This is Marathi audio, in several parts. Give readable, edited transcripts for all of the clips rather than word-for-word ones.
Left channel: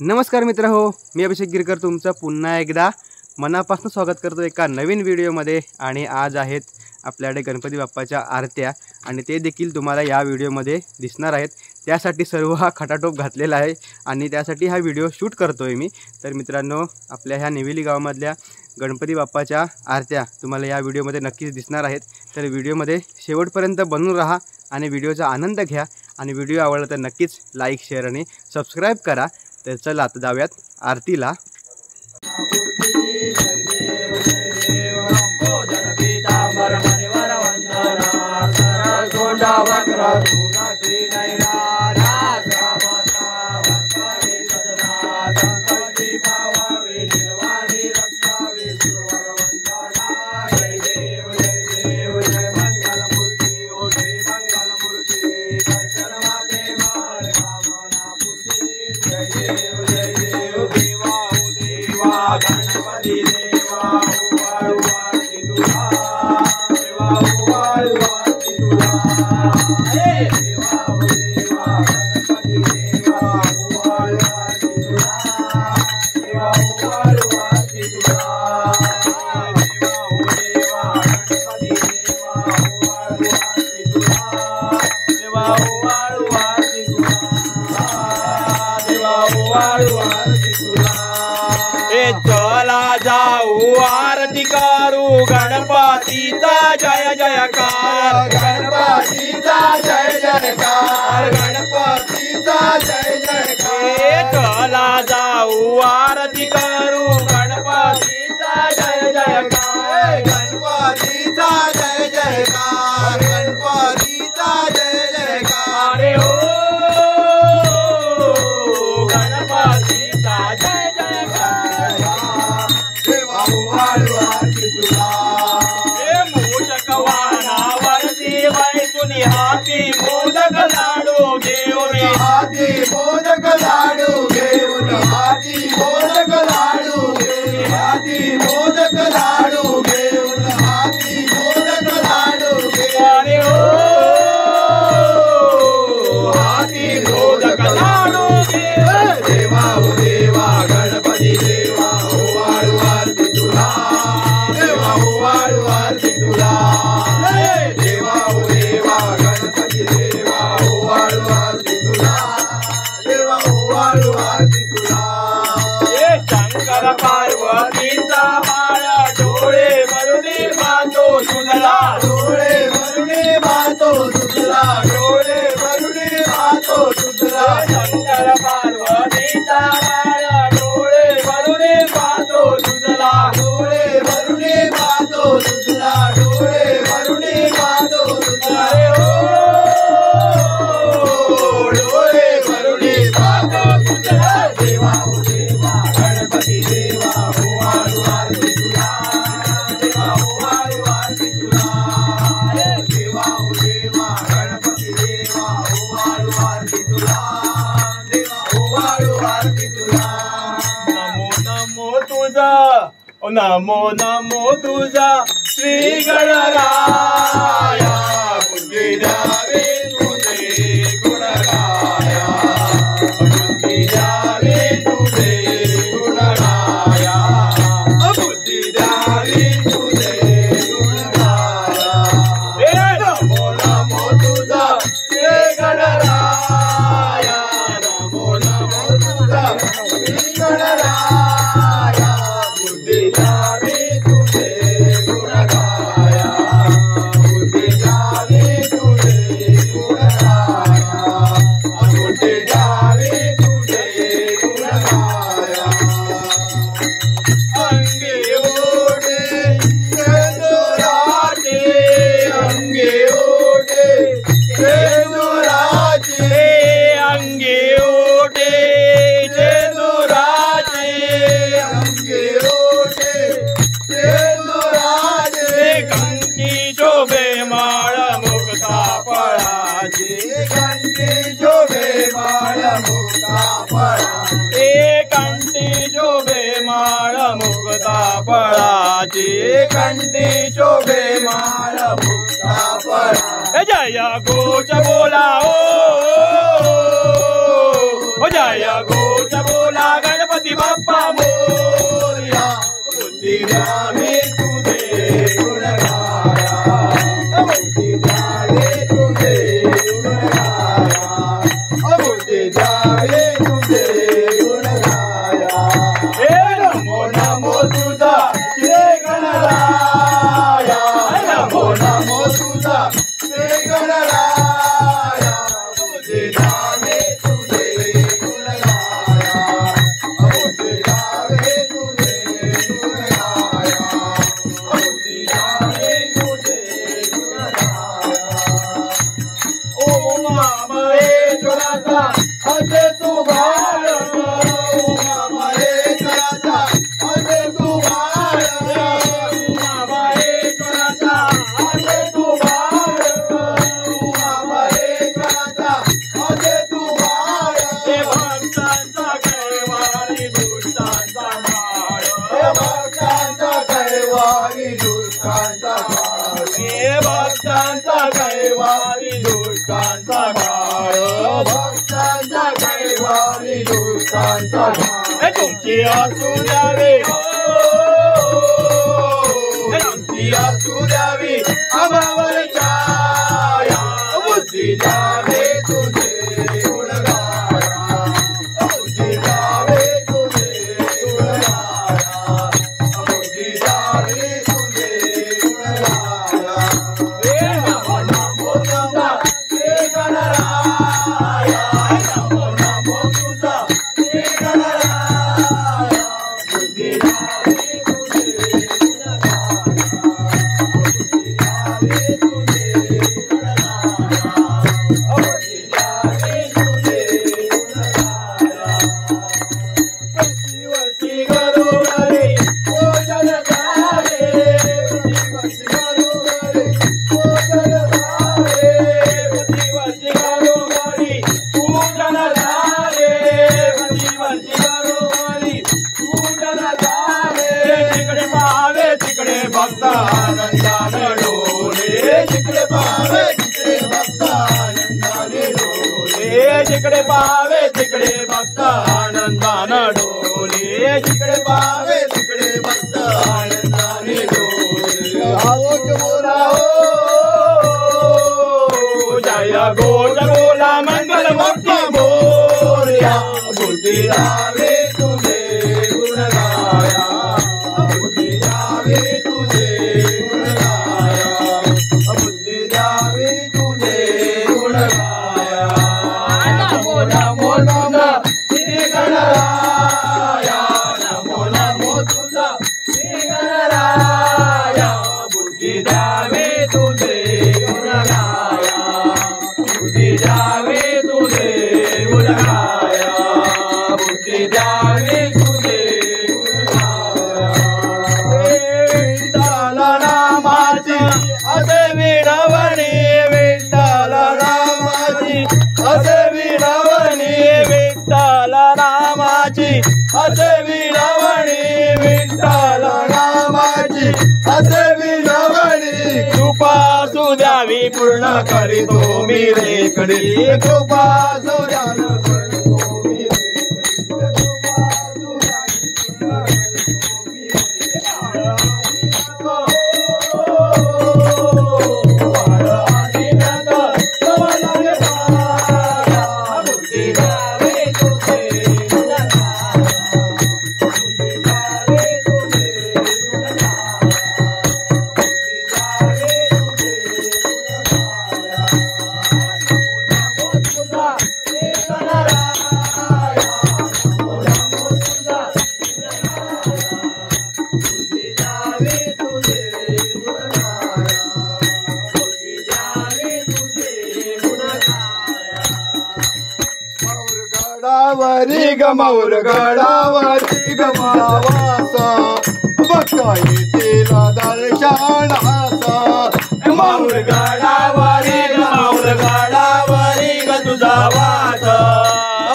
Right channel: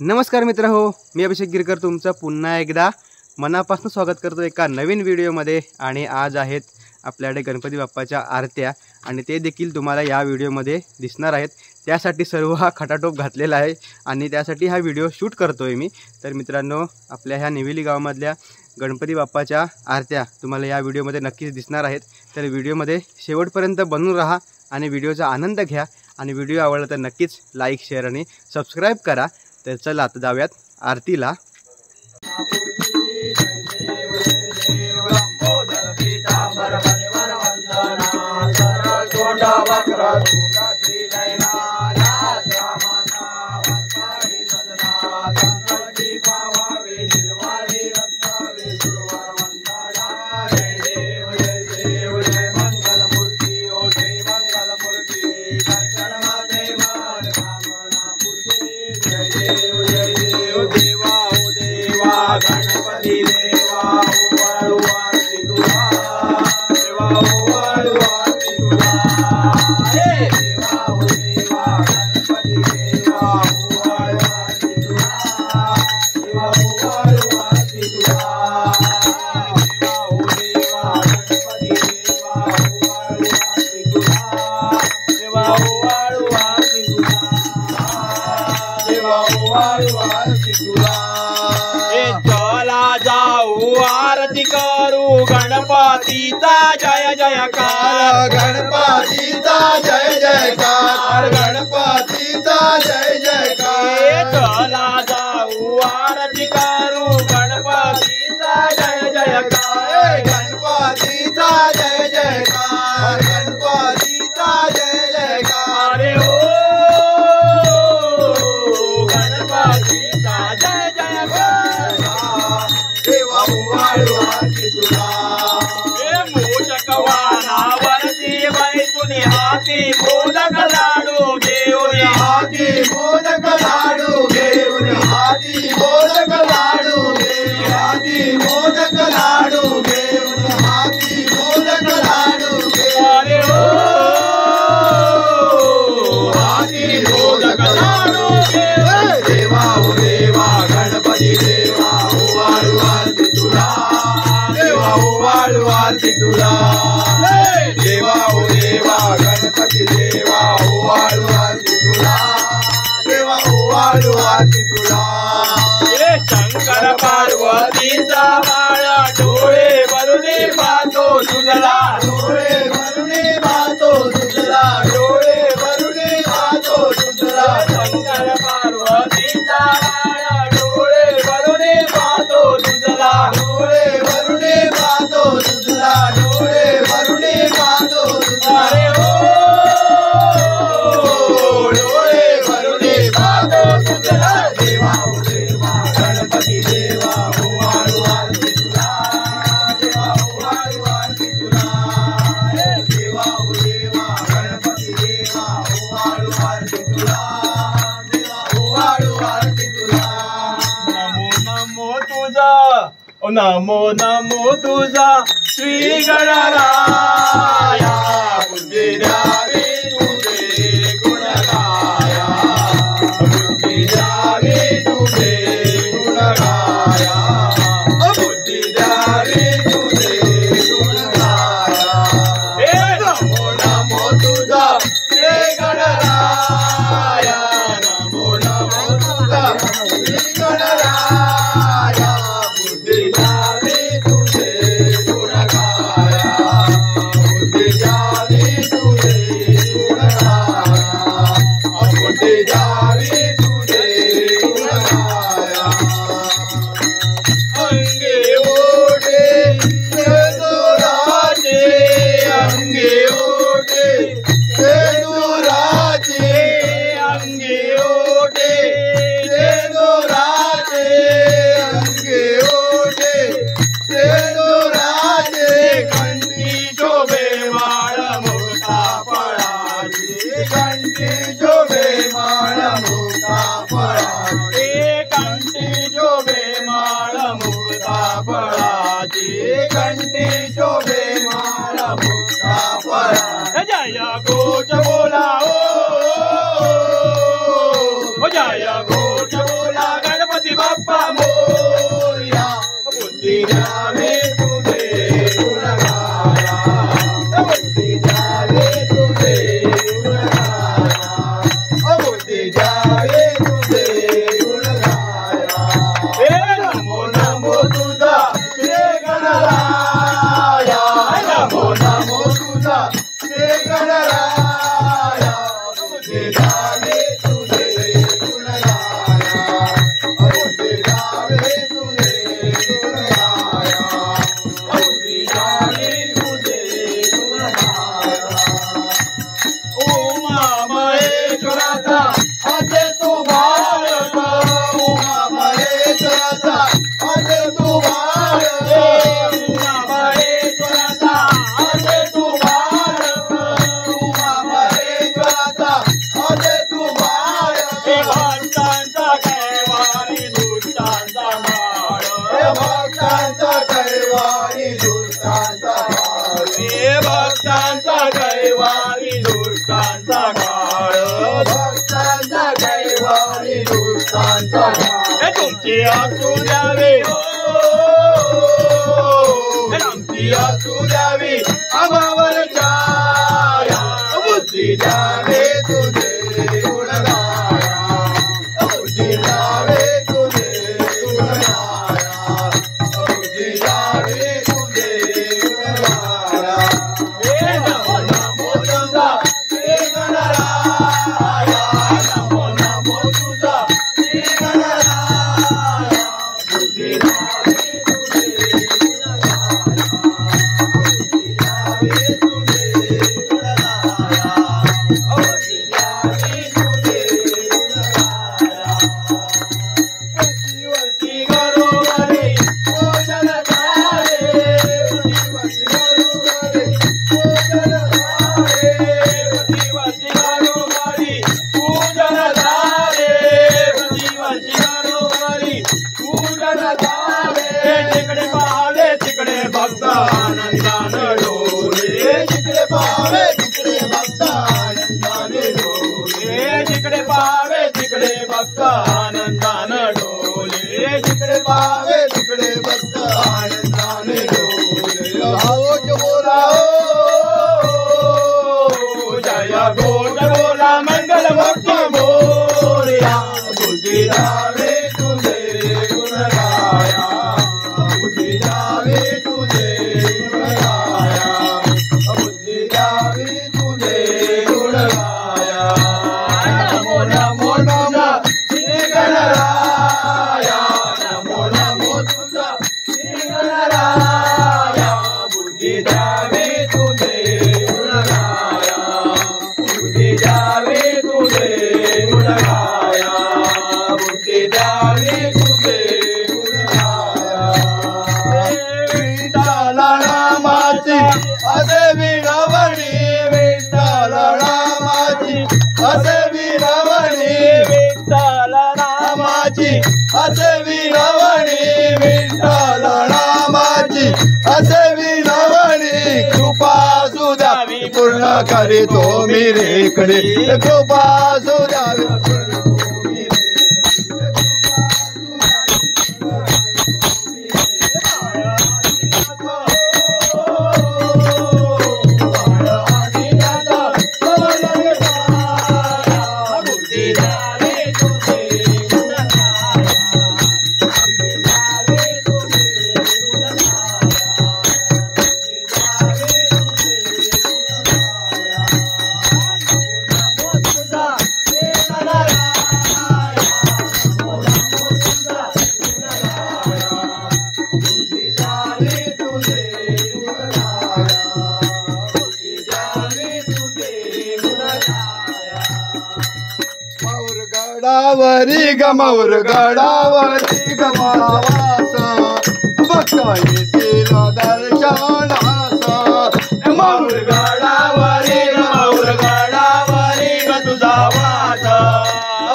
नमस्कार मित्र हो, मी अभिषेक गिरकर तुमचं पुन्हा एकदा मनापासून स्वागत करतो एका नवीन व्हिडिओमध्ये। आणि आज आहेत आपल्याकडे गणपती बाप्पाच्या आरत्या आणि ते देखील तुम्हाला या व्हिडिओमध्ये दिसणार आहेत। त्यासाठी सर्व हा खटाटोप घातलेला आहे आणि त्यासाठी हा व्हिडिओ शूट करतोय मी। तर मित्रांनो, आपल्या ह्या निवेली गावामधल्या गणपती बाप्पाच्या आरत्या तुम्हाला या व्हिडिओमध्ये नक्कीच दिसणार आहेत। तर व्हिडिओमध्ये शेवटपर्यंत बनून राहा आणि व्हिडिओचा आनंद घ्या। आणि व्हिडिओ आवडला तर नक्कीच लाईक, शेअर आणि सबस्क्राईब करा। तर चला आता जाऊयात आरतीला। चला जाऊ आरती करू गणपतीचा जय जयकार, गणपतीचा जय जयकार, गणपतीचा जय जयकार। चला जाऊ आरती करू गणपतीचा जय जयकार, गणपतीचा जय जयकार, गणपतीचा जय जयकार। अरे हो गणपतीचा जय जयकार। देवा उवाळू आरती तुला, हे मोदक वाहनावरती बैसुनी हाती मोदक लाडू घेऊन, हाती मोदक लाडू घेऊन, हाती मोदक लाडू घेऊन, हाती मोदक लाडू घेऊन, हाती मोदक लाडू घेऊन। अरे हो हाती मोदक लाडू घेऊन। देवा ओ देवा गणपती देवा उवाळू आरती तुला, देवा उवाळू आरती तुला। देवा ओ देवा गणपती देवा उवाळू आरती तुला, देवा उवाळू आरती तुला। हे शंकर पार्वतीचा माळा डोळे भरले पाहतो तुझला, डोळे भरले पाहतो तुझला, डोळे भरले पाहतो तुझला। शंकर पार्वतीचा माळा डोळे भरले पाहतो तुझला, डोळे भरले पाहतो तुझला, डोळे भरले पाहतो तुझला। अरे हो डोळे भरले पाहतो तुझला। देवा ओ देवा गणपती देवा उवाळू आरती तुला, देवा उवाळू आरती तुला। देवा ओ देवा गणपती देवा उवाळू आरती तुला, देवा उवाळू आरती तुला। नमो नमो तुझा, ओ नमो नमो तुझा श्री गणराया। बुद्धी द्यावी तुझे गुण गाया, बुद्धी द्यावी तुझे गुण गाया, बुद्धी द्यावी तुझे गुण गाया। हे नमो नमो तुझा श्री गणराया, नमो नमो तुझा श्री गणराया। बुद्धी द्यावी तुझे गुण गाया, बुद्धी द्यावी तुझे गुण गाया, बुद्धी द्यावी तुझे गुण गाया। अंगे ओढे सेंदुराचे, अंगे ओढे सेंदुराचे, अंगे ओढे सेंदुराचे, अंगे ओढे सेंदुराचे। घंटी शोभे माळ मुक्ता फळाची, घंटी शोभे माळ मुक्ता फळाची, घंटी शोभे माळ मुक्ता फळाची, घंटी शोभे माळ मुक्ता फळाची। जय घोष बोला ओ जय घोष बोला बुद्धी द्यावे तुझे गुण गाया. नमो नमो तुझा श्री गणराया. नमो नमो तुझा श्री गणराया. बुद्धी द्यावे तुझे गुण गाया. बुद्धी द्यावे तुझे गुण गाया. बुद्धी द्यावे तुझे गुण गाया. उमा महेश्वराचा असे तू बाळग. उमा महेश्वराचा असे तू बाळग. उमा महेश्वराचा असे तू बाळग. उमा महेश्वराचा असे तू बाळग. भक्तांचा कैवारी दुष्टांचा माळ. भक्तांचा कैवारी दुष्टांचा माळ. भक्तांचा कैवारी दुष्टांचा काळ. भक्तांचा कैवारी दुष्टांचा काळ. तुमची असू द्यावी. तुमची असू द्यावी आम्हावर छाया. बुद्धी द्यावे तुझे गुण गाया. बुद्धी द्यावे तुझे गुण गाया. बुद्धी द्यावे तुझे गुण गाया. नमो नमो तुझा श्री गणराया. नमो नमो तुझा श्री गणराया. बुद्धी द्यावे तुझे गुण गाया. बुद्धी द्यावे तुझे गुण गाया. बुद्धी द्यावे तुझे गुण गाया. वर्षी घरोघरी भोजन झाले. वर्षी घरोघरी भोजन झाले. वर्षी घरोघरी पूजन झाले. वर्षी घरोघरी पूजन झाले. जिकडे पाहावे तिकडे भक्त आनंदाने डोले. जिकडे पाहावे तिकडे भक्त आनंदाने डोले. जिकडे पाहावे तिकडे भक्त आनंदाने डोले. जिकडे पाहावे तिकडे भक्त आनंदाने डोले. भाऊच बोला हो. जय गोड बोला मंगल भक्ती बोलया. बुद्धी द्यावे तुझे गुण गाया. बुद्धी द्यावे तुझे गुण गाया. बुद्धी द्यावे तुझे गुण गाया. नमो नमो तुझा श्री गणराया. नमो नमो तुझा श्री गणराया. बुद्धी द्यावे तुझे गुण गाया. बुद्धी द्यावे तुझे गुण गाया. बुद्धी द्यावे तुझे गुण गाया. विठ्ठल नामाची असे विनवणी. विठ्ठल नामाची असे विनवणी. विठ्ठल नामाची असे विनवणी. विठ्ठल नामाची असे विनवणी. कृपा सुद्यावी पूर्ण करीतो मी रेखडी. कृपा सुद्यावी पूर्ण तो मी रेखडी. कृपा सुद्यावी बुद्धी द्यावे तुझे गुण गाया. बुद्धी द्यावे तुझे गुण गाया. बुद्धी द्यावे तुझे गुण गाया. नमो नमो तुझा श्री गणराया. नमो नमो तुझा गुण गाया. बुद्धी द्यावे तुझे गुण गाया. बुद्धी द्यावे तुझे गुण गाया. गडावरी गमौर गडावरी गमावास. बघता येतील दर्शनास. मौर गडावरी गमौर गडावरी ग तुझा वास.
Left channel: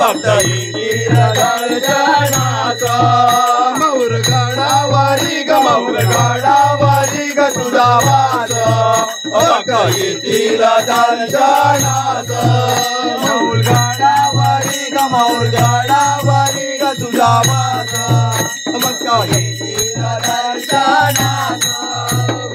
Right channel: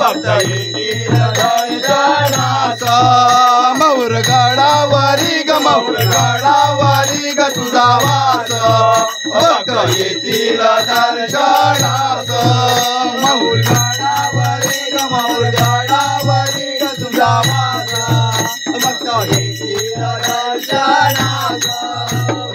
बघता येतील दर्शनास. मौर गडावरी गमौर गडावरी ग तुझा वास. बघता येतील दर्शनास. मौर गडावरी गमौर गडावरी ग तुझा वास. बघता येतील दर्शनास.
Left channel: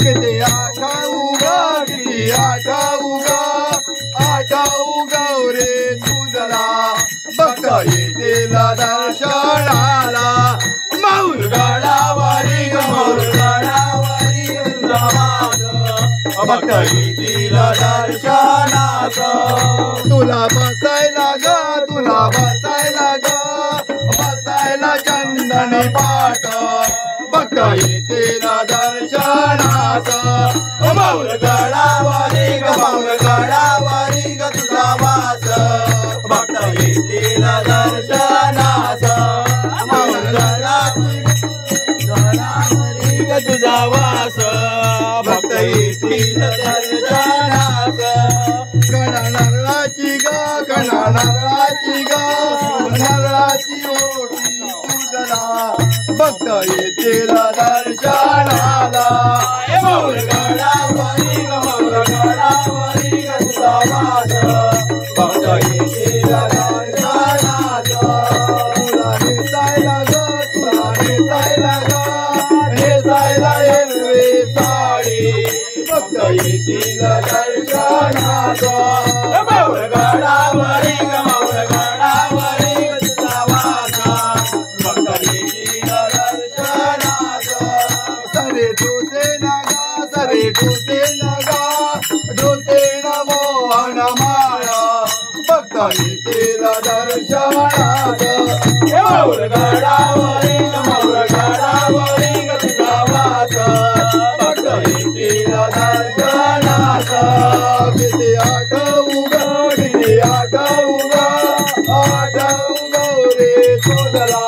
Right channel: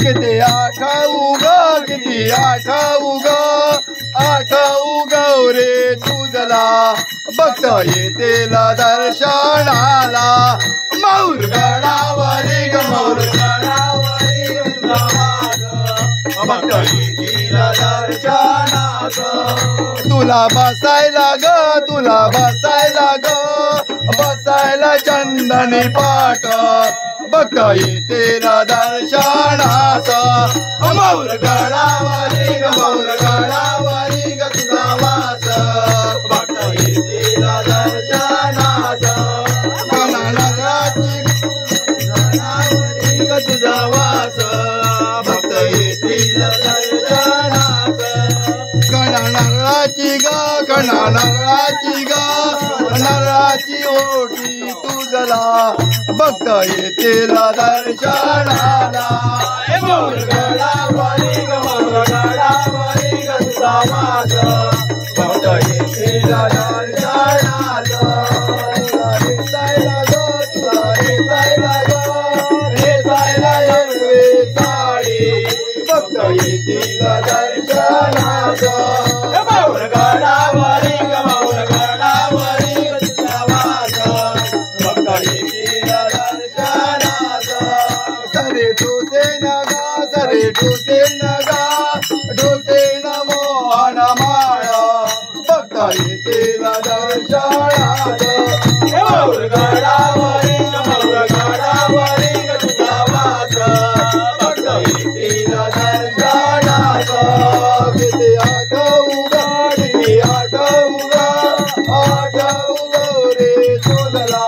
किती आठाऊ ग किती आठाऊ ग. आठाऊ गौरे तुझला येतील दर्शनाला मौरगडावरी ग मौरगडावरी भक्त येतील दर्शनात तुला बसायला ग तुला बसायला ग बसायला चंदनी पाठ भक्त येतील दर्शनात मौरगडावरी ग मौरगडावरी ग तुझा वास भक्त येतील दर्शनात तुझा वास भक्त येतील दर्शनात कणाची ग कणाची ग नराची ओटी तुझला भक्त येतील दर्शनाला मौरगडावरी ग मौरगडावरी ग तुझा वास भक्त येतील दर्शनात तुला नेसायला ग तुला नेसायला ग नेसायला हिरवी साडी भक्त येतील दर्शनात मौरगडावरी ग मौरगडावरी ग तुझा वास भक्त येतील दर्शनात सरे डोसे नगा सरे डोसे नगा डोसे मोहन माळ भक्त येतील दर्शनात मौरगडावरी ग मौरगडावरी ग तुझा वास भक्त येतील दर्शनात किती आठवू गा रे शोधला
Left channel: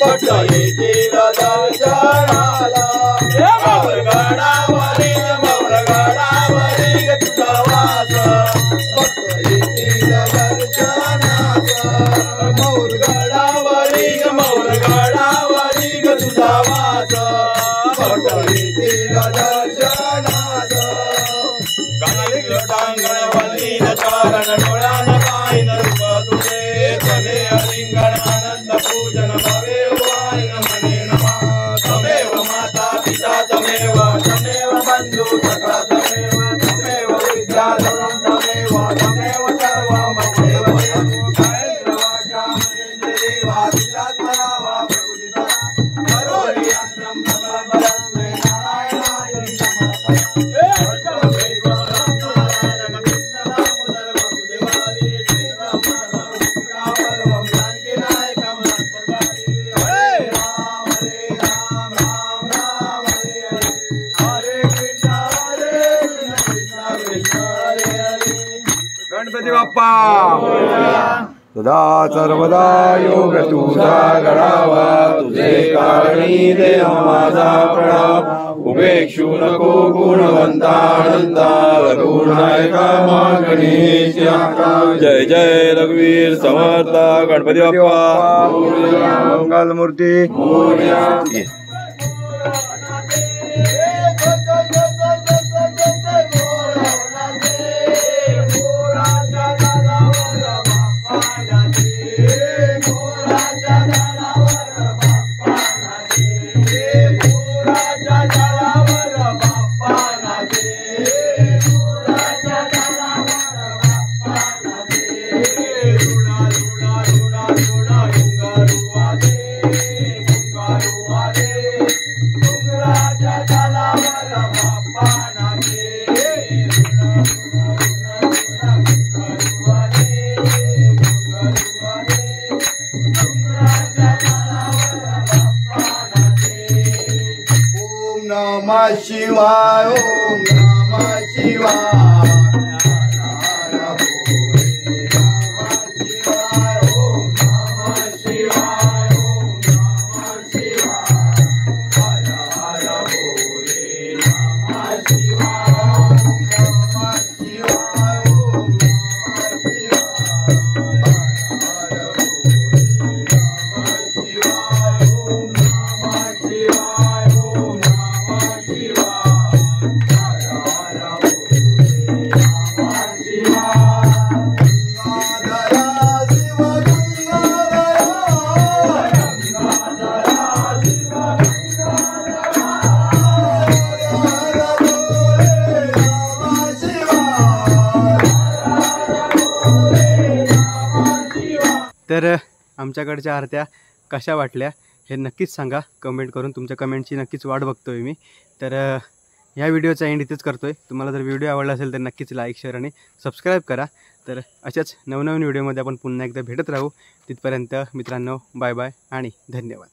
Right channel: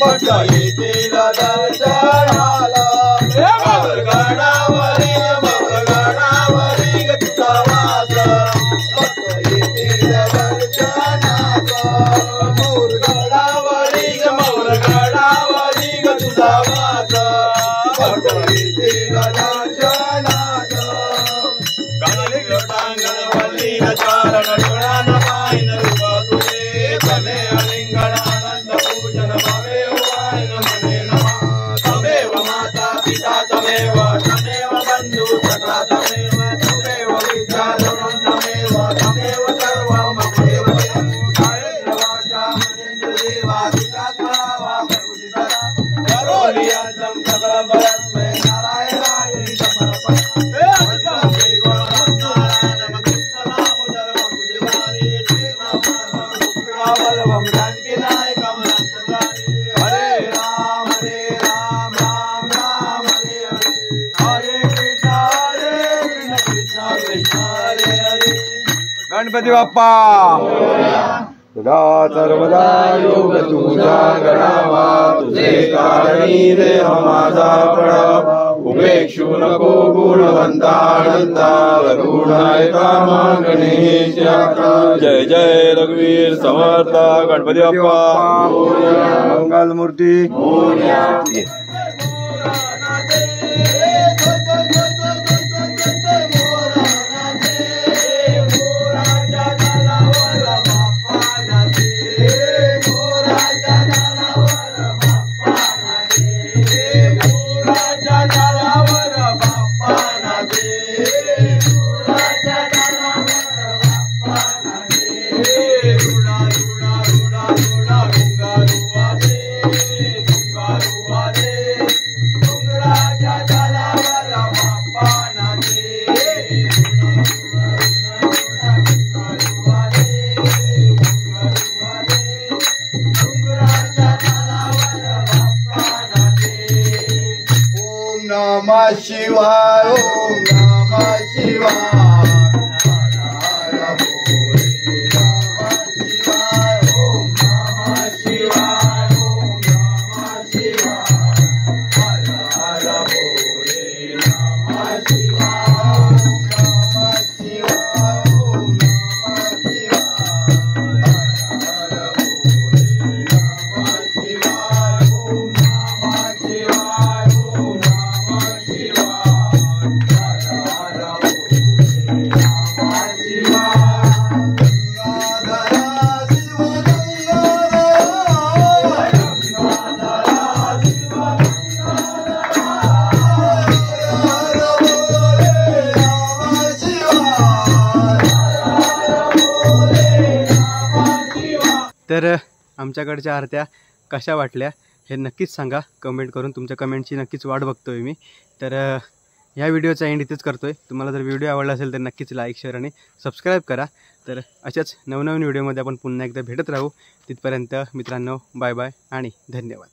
भक्त येतील दर्शनाला मौरगडावरी ग तुझा वास भक्त येतील दर्शनात मौरगडावरी ग तुझा वास भक्त येतील दर्शनात लोटांगण वल्ली न चारण डोळा न पाय न रूप तुझे तमे अलिंगण आनंद पूजन भावे उवाय न मने नमा तमेव माता पिता तमेव बंधु सखा तमेव विद्या तमेव सर्वं ममेव कायेन्द्रवाचा मनेन्द्रियेवा विचात्मना वा प्रकृतितरा करोति अन्तं सकल बलस्मै नारायणाय समर्पयामि गणपती बाप्पा सदा सर्वदा योग तुझा गणावा तुझे कारणी देह माझा प्रणाम उपेक्षू नको गुणवंतानंदा गुण ऐका मागणी जय जय रघुवीर समर्थ गणपती बाप्पा मंगल मूर्ती नमः शिवाय ओम नमः शिवाय हर हर भोले नमः शिवाय ओम नमः शिवाय ओम नमः शिवाय हर हर भोले नमः शिवाय ओम नमः शिवाय ओम नमः शिवाय हर हर भोले नमः शिवाय ओम नमः शिवाय ओम नमः शिवाय हर हर भोले तर आमच्याकडच्या आरत्या कशा वाटल्या हे नक्कीच सांगा कमेंट करून. तुमच्या कमेंटची नक्कीच वाट बघतोय मी. तर ह्या व्हिडिओचा एंड इथेच करतोय. तुम्हाला जर व्हिडिओ आवडला असेल तर नक्कीच लाईक शेअर आणि सबस्क्राईब करा. तर अशाच नवनवीन व्हिडिओमध्ये आपण पुन्हा एकदा भेटत राहू. तिथपर्यंत मित्रांनो बाय बाय आणि धन्यवाद.